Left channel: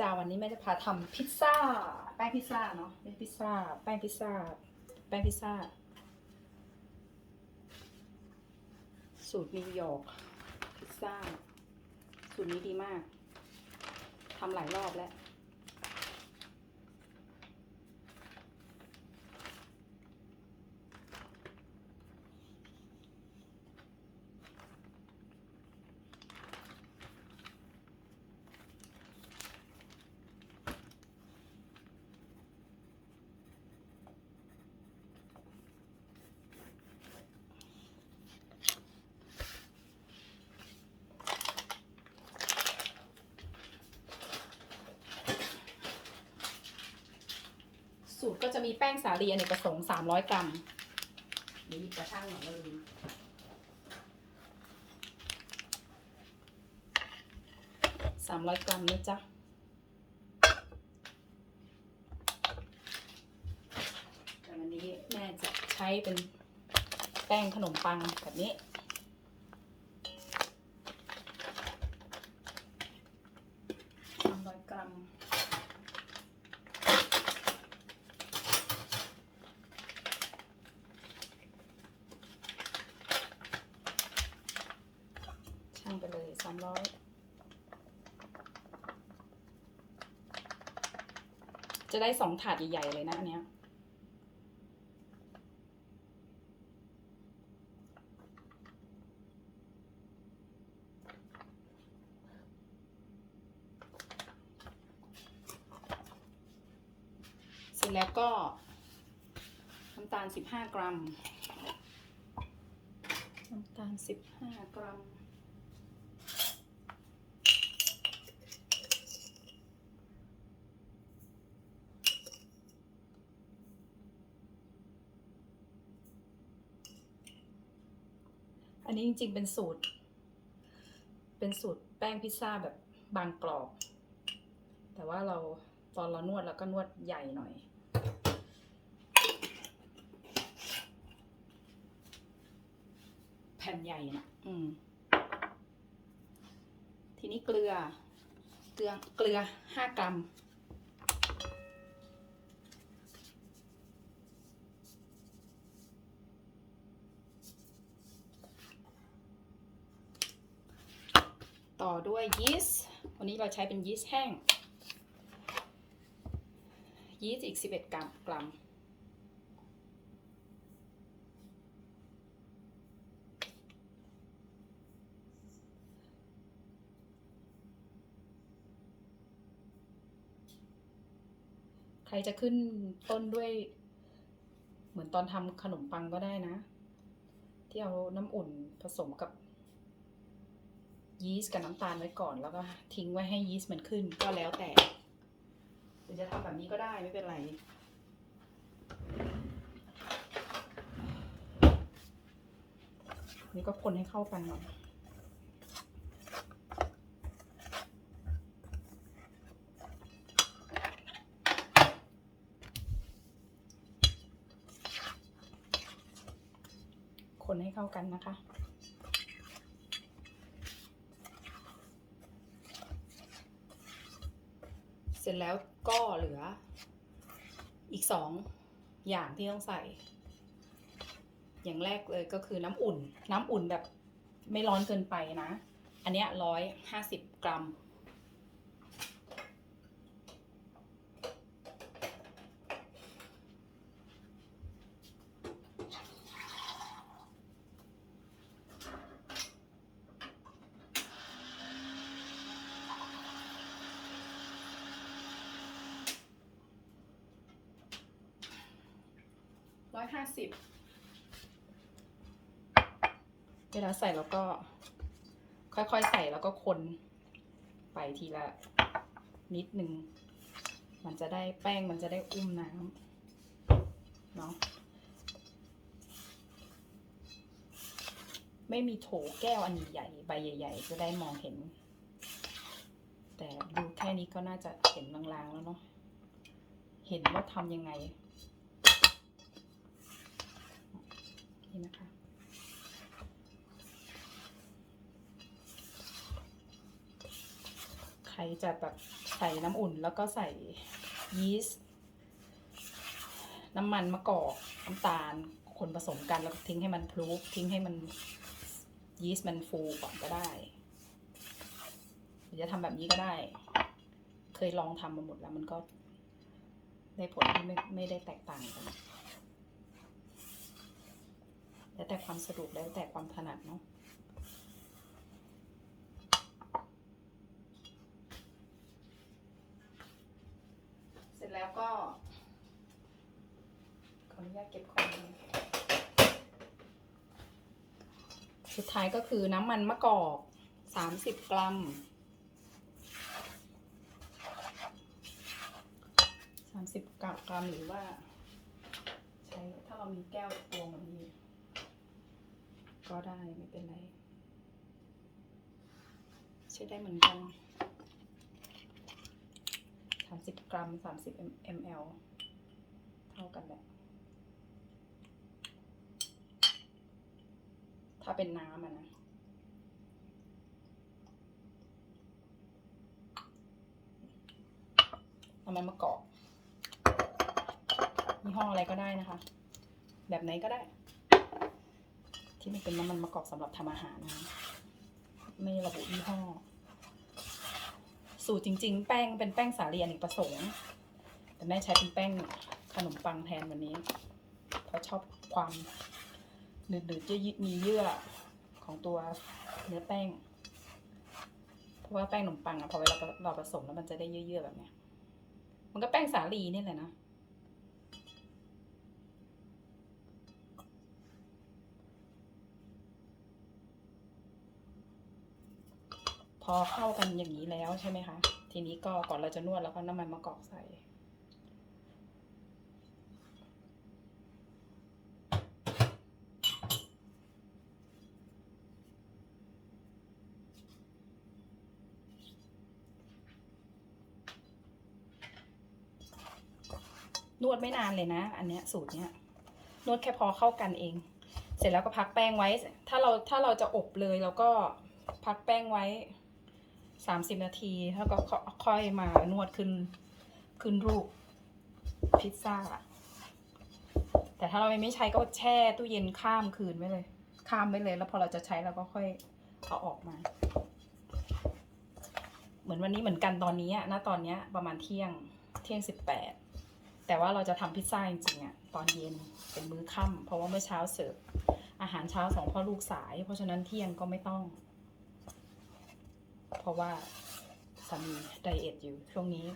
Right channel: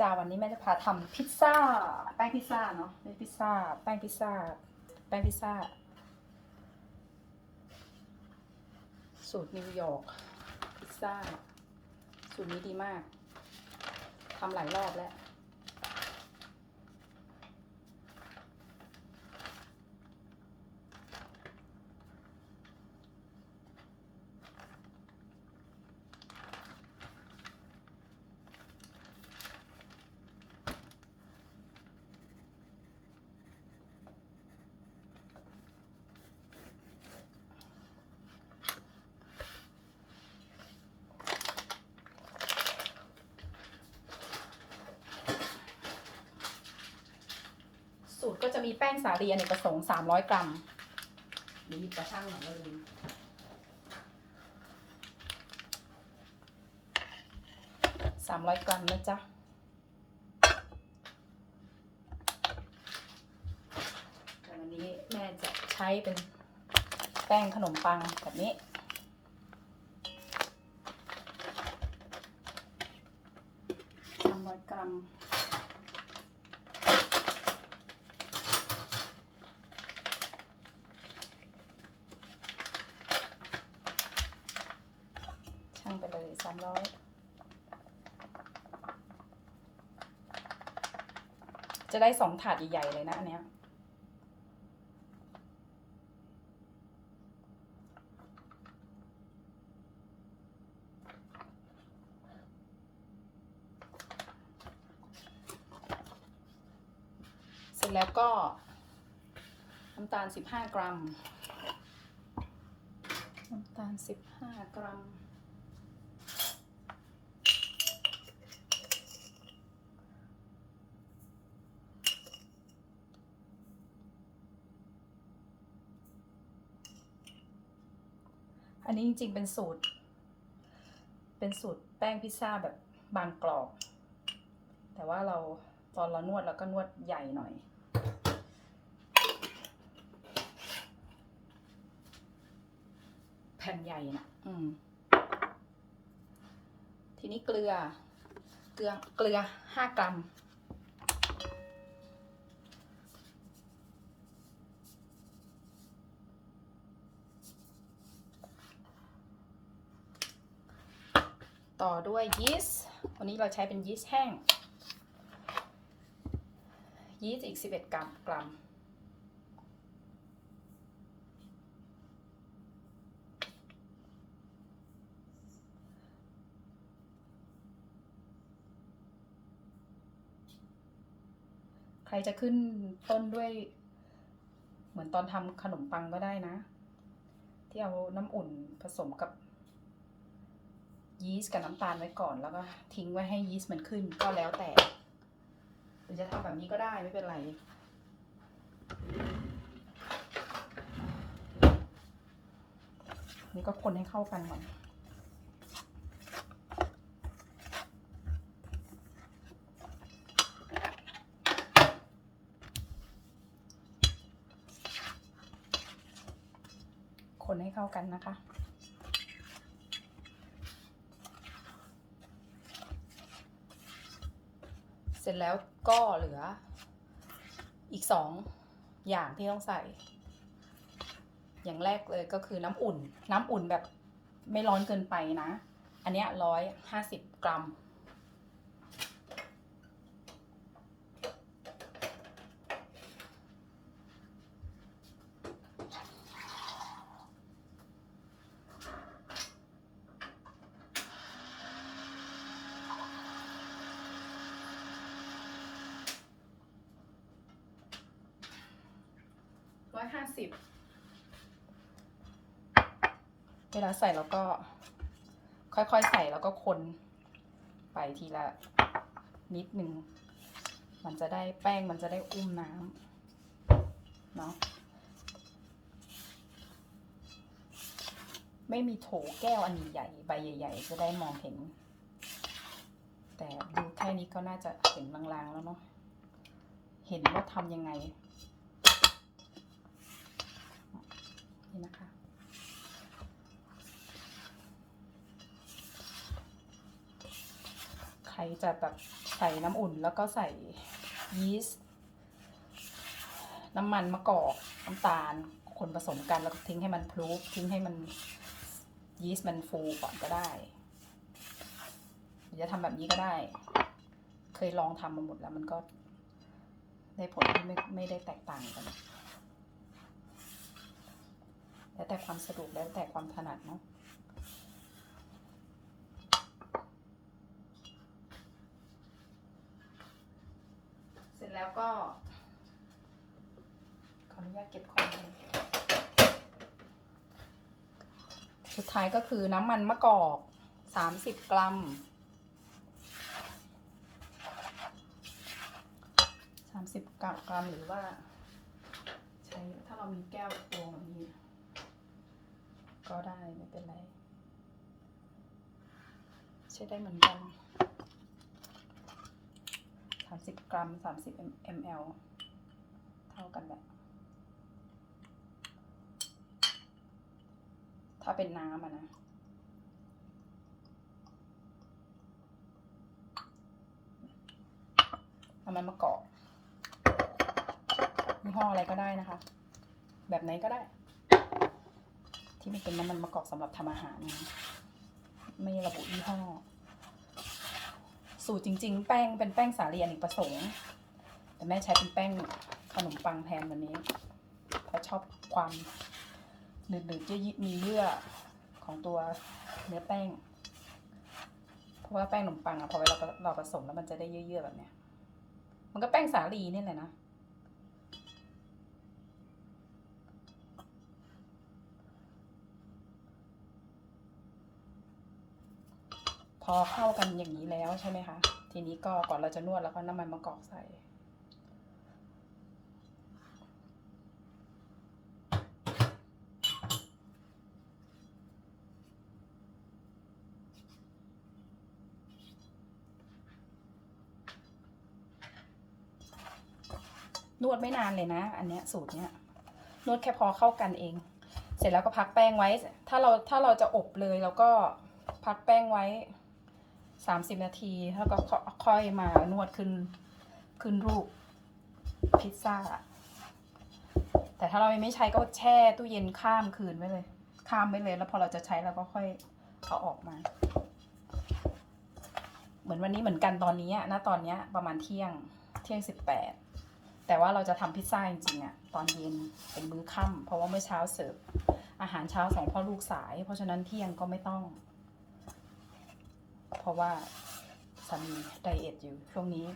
จ้าวันนี้แม่จะพาทำพิซซ่า แป้งพิซซ่าเนาะไม่ใช่พิซซ่า แป้งพิซซ่า แป้งพิซซ่า สูตรนิวยอร์กพิซซ่า สูตรนี้ดีมากทำหลายรอบแล้ว สูตรก็จะมีแป้งสาลีอเนกประสงค์300 กรัมเดี๋ยวหยิบกระช่างหน่อยเลยสามร้อยกรัมนะจ๊ะ แต่วันนี้แม่จะใช้เป็นแป้งขนมปังแบบนี้สามร้อยกรัม ช่างไปเลยสามร้อย จะได้สองถาดใหญ่ๆเลยนะอันเนี้ยเสร็จแล้วก็น้ำตาล 15 กรัม น้ำตาล 15 กรัม อันนี้จริงๆเป็นสูตร เป็นสูตรแป้งพิซซ่าแบบบางกรอบ แต่ว่าเราตอนเรานวดเราก็นวดใหญ่หน่อย แผ่นใหญ่นะอืม ทีนี้เกลือ เกลือ เกลือห้ากรัม ต่อด้วยยีสต์วันนี้เราใช้เป็นยีสต์แห้ง ยีสต์อีก 11 กรัมกรัมใครจะขึ้นต้นด้วย เหมือนตอนทำขนมปังก็ได้นะ ที่เอาน้ำอุ่นผสมกับ ยีสต์กับน้ำตาลไว้ก่อนแล้วก็ทิ้งไว้ให้ยีสต์มันขึ้นก็แล้วแต่หรือจะทำแบบนี้ก็ได้ไม่เป็นไร นี่ก็คนให้เข้ากันหน่อยคนให้เข้ากันนะคะ เสร็จ แล้วก็เหลือ อีกสองอย่างที่ต้องใส่ อย่างแรกเลยก็คือน้ำอุ่น น้ำอุ่นแบบไม่ร้อนเกินไปนะ อันเนี้ยร้อยห้าสิบกรัม ร้อยห้าสิบเวลาใส่แล้วก็ ค่อยๆใส่แล้วก็คนไปทีละนิดนึง มันจะได้แป้งมันจะได้อุ้มน้ำเนาะไม่มีโถแก้วอันใหญ่ใบใหญ่ ๆ จะได้มองเห็น แต่ดูแค่นี้ก็น่าจะเห็นลางๆแล้วเนาะเห็นว่าทำยังไง นี่นะคะ ใครจะแบบใส่น้ำอุ่นแล้วก็ใส่ยีสต์น้ำมันมะกอกน้ำตาลคนผสมกันแล้วทิ้งให้มันพลุกทิ้งให้มันยีสต์มันฟูก่อนก็ได้หรือจะทำแบบนี้ก็ได้ เคยลองทำมาหมดแล้วมันก็ได้ผลที่ไม่ไม่ได้แตกต่างกัน แล้วแต่ความสะดวกแล้วแต่ความถนัดเนาะเสร็จแล้วก็ขออนุญาตเก็บของก่อนสุดท้ายก็คือน้ำมันมะกอกสามสิบกรัมสามสิบกรัมหรือว่า ใช้ถ้าเรามีแก้วตวงแบบนี้ ก็ได้ไม่เป็นไร ใช้ได้เหมือนกันสามสิบกรัมสามสิบ ml เท่ากันแหละถ้าเป็นน้ำอะนะน้ำมันมะกอกยี่ห้ออะไรก็ได้นะคะ แบบไหนก็ได้ ที่ไม่เป็นน้ำมันมะกอกสำหรับทำอาหารนะไม่ระบุยี่ห้อ สูตรจริง ๆ แป้งเป็นแป้งสาลีอเนกประสงค์แต่แม่ใช้เป็นแป้งขนมปังแทนวันนี้ เพราะชอบความหนืดๆเยอะมีเยื่อของตัวเนื้อแป้ง เพราะว่าแป้งขนมปังอะพอเวลาเราผสมแล้วมันจะได้เยื่อๆแบบเนี้ย มันก็แป้งสาลีนี่แหละนะ อเข้ากันอย่างนี้แล้วใช่ไหมคะ ทีนี้ก็ก่อนเราจะนวดแล้วก็น้ำมันมะกอกใส่ นวดไม่นานเลยนะ อันเนี้ยสูตรเนี้ย นวดแค่พอเข้ากันเอง เสร็จแล้วก็พักแป้งไว้ ถ้าเราถ้าเราจะอบเลยเราก็พักแป้งไว้ สามสิบนาทีแล้วก็ค่อยมานวดขึ้นขึ้นรูปพิซซ่า แต่ถ้าเราไม่ใช้ก็แช่ตู้เย็นข้ามคืนไว้เลย ข้ามไว้เลย แล้วพอเราจะใช้เราก็ค่อยเอาออกมา เหมือนวันนี้เหมือนกันตอนนี้นะตอนนี้ประมาณเที่ยงเที่ยงสิบแปดแต่ว่าเราจะทำพิซซ่าจริงๆอะตอนเย็นเป็นมื้อค่ำเพราะว่าเมื่อเช้าเสิร์ฟอาหารเช้าสองพ่อลูกสาย เพราะฉะนั้นเที่ยงก็ไม่ต้อง เพราะว่าสามีไดเอทอยู่ช่วงนี้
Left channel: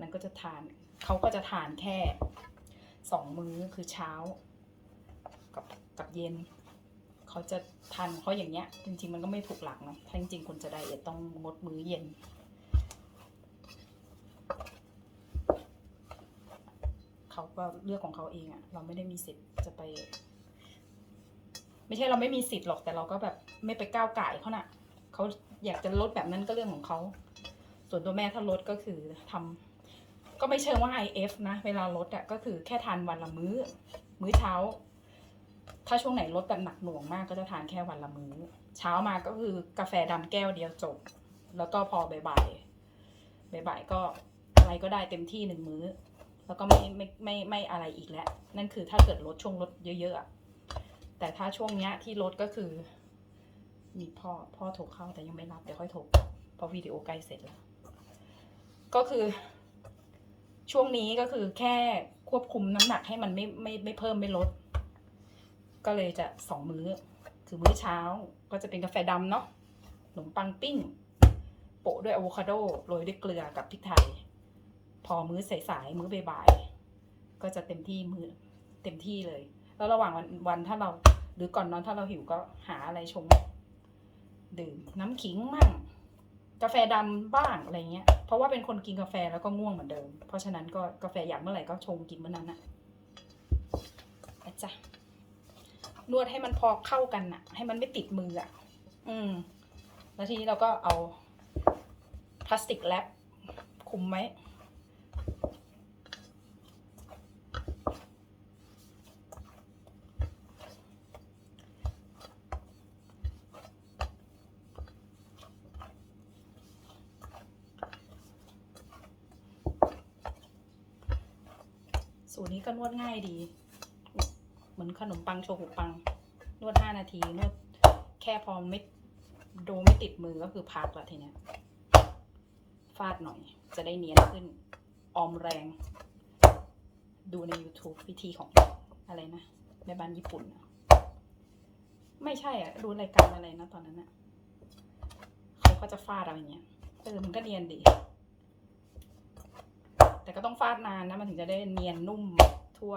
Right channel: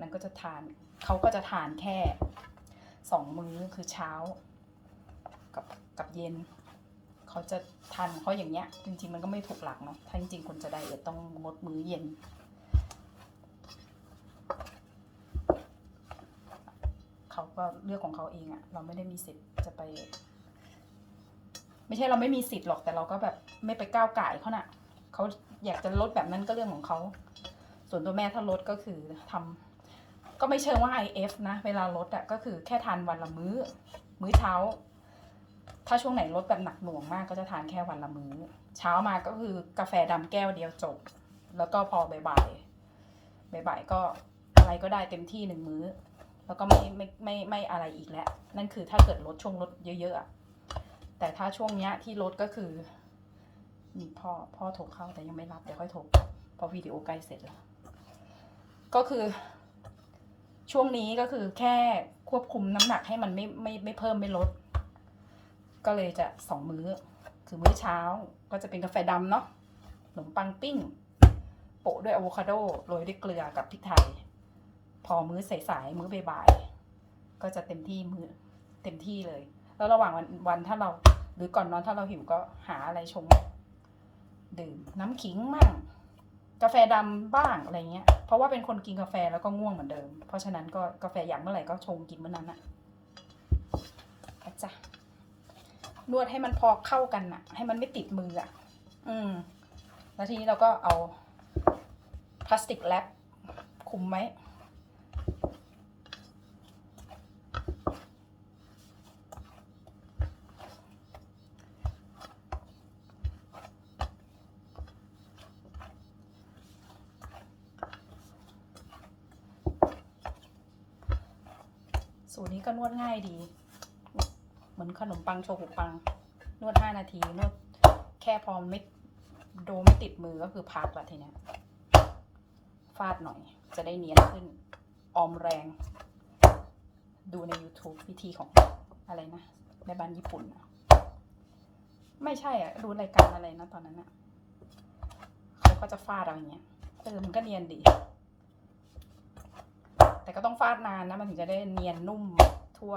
นันก็จะทานเขาก็จะทานแค่สองมื้อคือเช้า กับกับเย็นเขาจะทานเขาอย่างเงี้ย จริง ๆ มันก็ไม่ถูกหลักเนาะถ้าจริงๆคนจะไดเอทต้องงดมื้อเย็นเขาก็เลือกของเขาเองอะเราไม่ได้มีสิทธิ์จะไป ไม่ใช่เราไม่มีสิทธิ์หรอกแต่เราก็แบบไม่ไปก้าวไก่เขาน่ะเขา อยากจะลดแบบนั้นก็เรื่องของเขา ส่วนตัวแม่ถ้าลดก็คือทำก็ไม่เชิงว่า IF นะ เวลาลดอะก็คือแค่ทานวันละมื้อ มื้อเช้า ถ้าช่วงไหนลดแบบหนักหน่วงมากก็จะทานแค่วันละมื้อ เช้ามาก็คือกาแฟดำแก้วเดียวจบ แล้วก็พอบ่ายๆบ่ายก็อะไรก็ได้เต็มที่หนึ่งมื้อ แล้วก็ไม่ไม่ไม่ไม่อะไรอีกแล้ว นั่นคือถ้าเกิดลดช่วงลดเยอะๆแต่ถ้าช่วงเนี้ยที่ลดก็คือ มีพ่อพ่อโทรเข้าแต่ยังไม่รับเดี๋ยวค่อยโทรพราะวิดีโอใกล้เสร็จแล้ว ก็คือ ช่วงนี้ก็คือแค่ควบคุมน้ำหนักให้มันไม่ไม่ไม่เพิ่มไม่ลด ก็เลยจะสองมื้อ คือมื้อเช้าก็จะเป็นกาแฟดำเนาะขนมปังปิ้ง โปะด้วยอะโวคาโดโรยด้วยเกลือกับพริกไทย พอมื้อสายๆมื้อบ่ายๆก็จะเต็มที่มื้อเต็มที่เลย แล้วระหว่างวันวันถ้าเราหรือก่อนนอนถ้าเราหิวก็หาอะไรชง ดื่มน้ำขิงมั่งกาแฟดำบ้างอะไรเงี้ย เพราะว่าเป็นคนกินกาแฟแล้วก็ง่วงเหมือนเดิม เพราะฉะนั้นก็กาแฟอยากเมื่อไหร่ก็ชงกินเมื่อนั้นอะอาจ้ะนวดให้มันพอเข้ากันอะให้มันไม่ติดมืออะอืม แล้วทีนี้เราก็เอาพลาสติกแรปคุมไว้ สูตรนี้ก็นวดง่ายดี เหมือนขนมปังโชกุปัง นวดห้านาที นวดแค่พอไม่โดไม่ติดมือก็คือพักละทีเนี้ยฟาดหน่อย จะได้เนียนขึ้น ออมแรง ดูใน YouTube วิธีของอะไรนะในบ้านญี่ปุ่นอะไม่ใช่อะดูรายการอะไรนะตอนนั้นอะเขาก็จะฟาดเอาอย่างเงี้ยเออมันก็เนียนดี แต่ก็ต้องฟาดนานนะมันถึงจะได้เนียนนุ่มทั่ว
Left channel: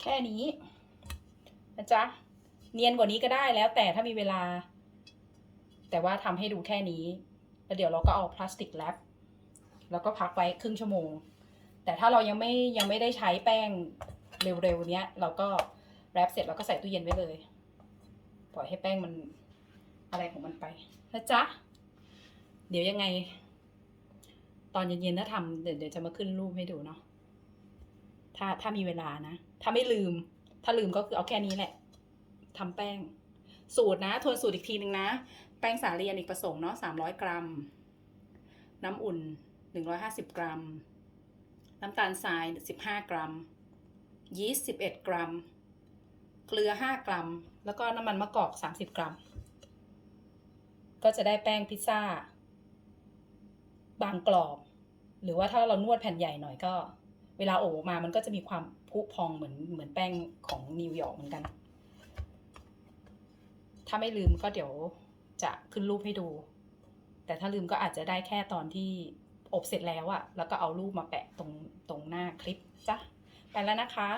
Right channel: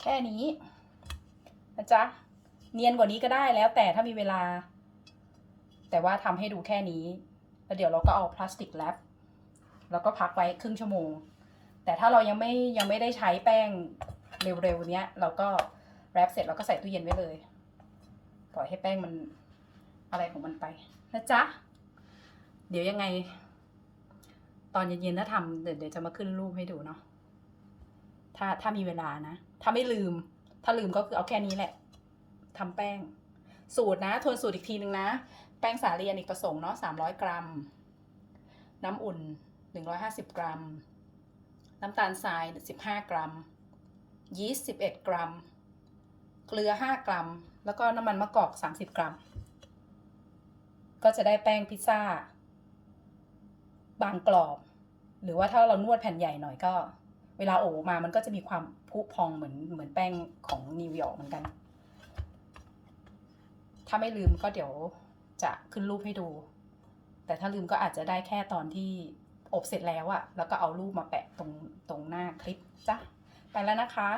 แค่นี้นะจ๊ะเนียนกว่านี้ก็ได้แล้วแต่ถ้ามีเวลา แต่ว่าทำให้ดูแค่นี้ แล้วเดี๋ยวเราก็เอาพลาสติกแรปแล้วก็พักไว้ครึ่งชั่วโมง แต่ถ้าเรายังไม่ยังไม่ได้ใช้แป้งเร็วๆเนี้ย เราก็แรปเสร็จเราก็ใส่ตู้เย็นไว้เลย ปล่อยให้แป้งมันอะไรของมันไปนะจ๊ะ เดี๋ยวยังไง ตอนเย็นๆถ้าทำเดี๋ยวจะมาขึ้นรูปให้ดูเนาะ ถ้าถ้ามีเวลานะ ถ้าไม่ลืม ถ้าลืมก็คือเอาแค่นี้แหละทำแป้ง สูตรนะ ทวนสูตรอีกทีหนึ่งนะ แป้งสาลีอเนกประสงค์เนาะ300กรัม น้ำอุ่น150กรัม น้ำตาลทราย15กรัม ยีสต์11กรัม เกลือ5กรัม แล้วก็น้ำมันมะกอก30กรัม ก็จะได้แป้งพิซซ่า บางกรอบ หรือว่าถ้าเรานวดแผ่นใหญ่หน่อยก็ เวลาโอบมามันก็จะมีความพุพองเหมือนเหมือนแป้งของนิวยอร์กเหมือนกันถ้าไม่ลืมก็เดี๋ยว จะขึ้นรูปให้ดู แต่ถ้าลืมก็อาจจะได้แค่ตอนที่อบเสร็จแล้วอะแล้วก็เอารูปมาแปะตรงตรงหน้าคลิปจ้ะไปแล้วนะคะ